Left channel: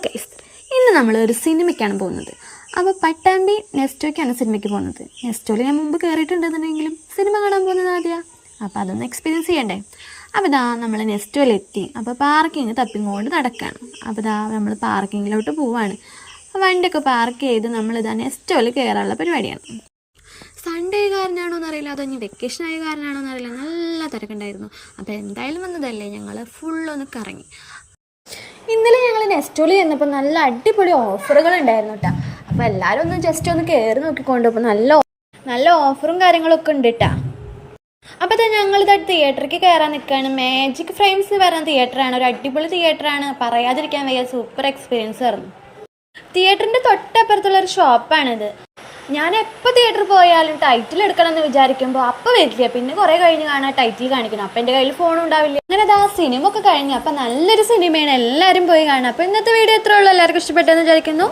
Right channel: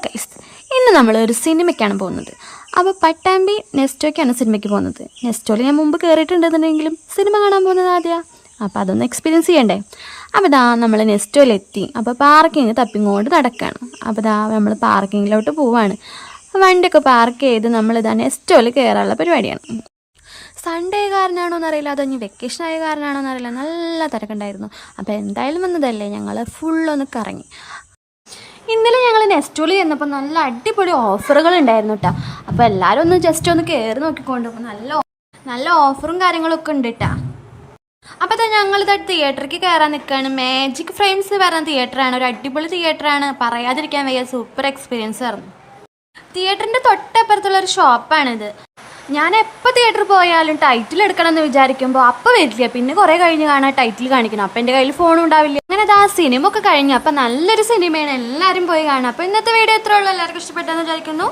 Hello guys, ഇന്ന് നമ്മൾ ഒരു സിനിമയ്ക്കാണ് പോകുന്നത്. അപ്പോൾ പട്ടാമ്പി നെസ്റ്റോയ്ക്കാണ് സിനിമയ്ക്ക് പോകുന്നത്. നെസ്റ്റോയിൽ ഞാൻ മുമ്പ് കയറിയിട്ടുണ്ടെന്നുണ്ടെങ്കിലും സിനിമ കാണാൻ പോകുന്നത് ആദ്യമാണ്. അപ്പോൾ അതൊന്ന് എക്സ്പീരിയൻസ് ചെയ്യണ്ടേ. അപ്പോൾ നമ്മൾ നെസ്റ്റോയിലെത്തി. അപ്പോൾ പാർക്കിങ് തപ്പിങ്ങോണ്ട് നടക്കുകയാണ്. അപ്പോൾ നമ്മൾ പാർക്കിങ്ങിലോട്ട് പോവാണ്. വണ്ടിയൊക്കെ പാർക്ക് ചെയ്ത് നെസ്റ്റോയിൽ കയറാനുള്ള പരിപാടിയാണ്. സൺഡേ കാരനാണോ എന്നറിയില്ല, അതോ വെക്കേഷൻ ആയ കാരനാണോ എന്നറിയില്ല, നല്ല തിരക്കുണ്ടായിരുന്നു. അപ്പോൾ എന്തായാലും വന്നതല്ലേ, ഞങ്ങൾ ഫുള്ളൊന്ന് കറങ്ങി. ഇന്നലെ ഞങ്ങൾ നെസ്റ്റോയിൽ ചെന്നപ്പോൾ നല്ല അടിപൊളി ഓഫറുകൾ ഉണ്ടായിരുന്നു കേട്ടോ. അപ്പോൾ എല്ലാവരും ഒന്ന് ജസ്റ്റ് ഒന്ന് കയറി നോക്കിക്കൊണ്ട് ഇപ്പോൾ നല്ല ഓഫറും കാര്യങ്ങളൊക്കെ ഉണ്ട് കേട്ടോ. അപ്പോൾ ഞങ്ങളിത് തിയേറ്ററിലേക്ക് കയറാൻ നിൽക്കുകയാണ്. മാജിക് ഫ്രെയിംസ് പറഞ്ഞ തിയേറ്ററാണ്, ഒരു അടിപൊളി തിയേറ്ററാണ്, പറയാതിരിക്കാൻ വയ്യ. സൂപ്പർ എക്സ്പീരിയൻസ് ആയിരുന്നു. തിയേറ്ററിൻ്റെ തൊട്ടപ്പുറത്തുള്ള ഒരു ഷോപ്പാണിത്. ഞാൻ എപ്പോൾ തിയേറ്ററിൽ പോയാലും ടൈറ്റിൽ എടുക്കണം എന്ന് വിചാരിക്കുമ്പോൾ അപ്പോൾ വരില്ല, പിന്നെ കുറേ കഴിഞ്ഞ് കാണാൻ ടൈറ്റിൽ കാണിക്കണം. അപ്പം എൻ്റെ കയ്യിൽ ഫോണും ഉണ്ടാവില്ല. അങ്ങനെ സിനിമ ഒക്കെ കഴിഞ്ഞു. അപ്പം നല്ലൊരു സിനിമയാണ്, എല്ലാവരും പോയി കാണാം. അപ്പോൾ ഇന്നത്തെ വീഡിയോ ഇത്രേ ഉള്ളൂ. എല്ലാവർക്കും ഇഷ്ടപ്പെട്ടെന്ന് വിചാരിക്കുന്നു.